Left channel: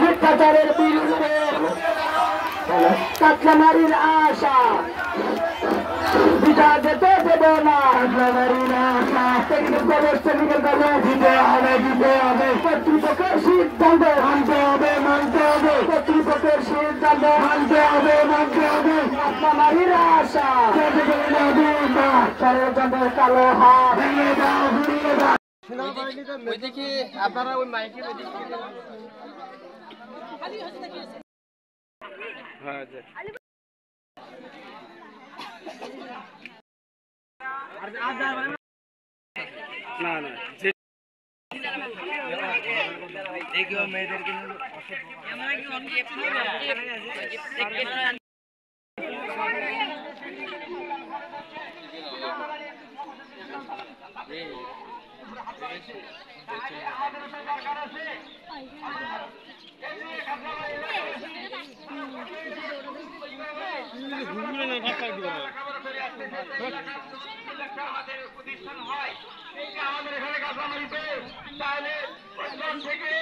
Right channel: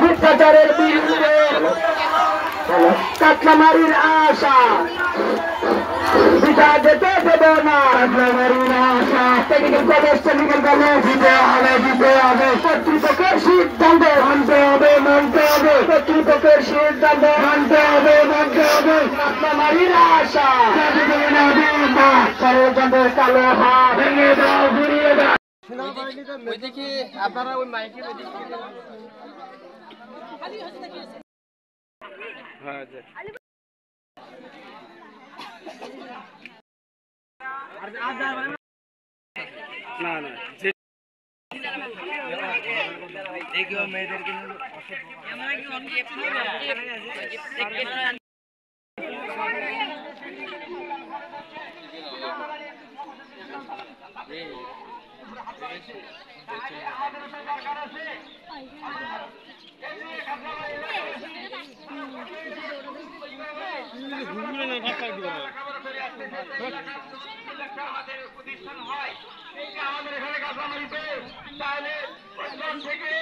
মিথ্যাচারের বিরুদ্ধে কাটলামারির আশা বিচার যেতে দেব না। কাটলামারির আশা টেকনিক্যাল কলেজ টেকনিক্যাল কলেজ দিতে হবে কর্তৃপক্ষের সিদ্ধান্ত মানতে হবে কর্তৃপক্ষের সিদ্ধান্ত মানতে হবে কাটলামারির আশা ষড়যন্ত্রের কালো হাত ভেঙে দাও ঘুরিয়ে দাও। ওইদিকে আপনারা ওই মাইকে না না মেয়েদেরকে আমাদের এখানে কাঁচামারিতে তাহলে থেকে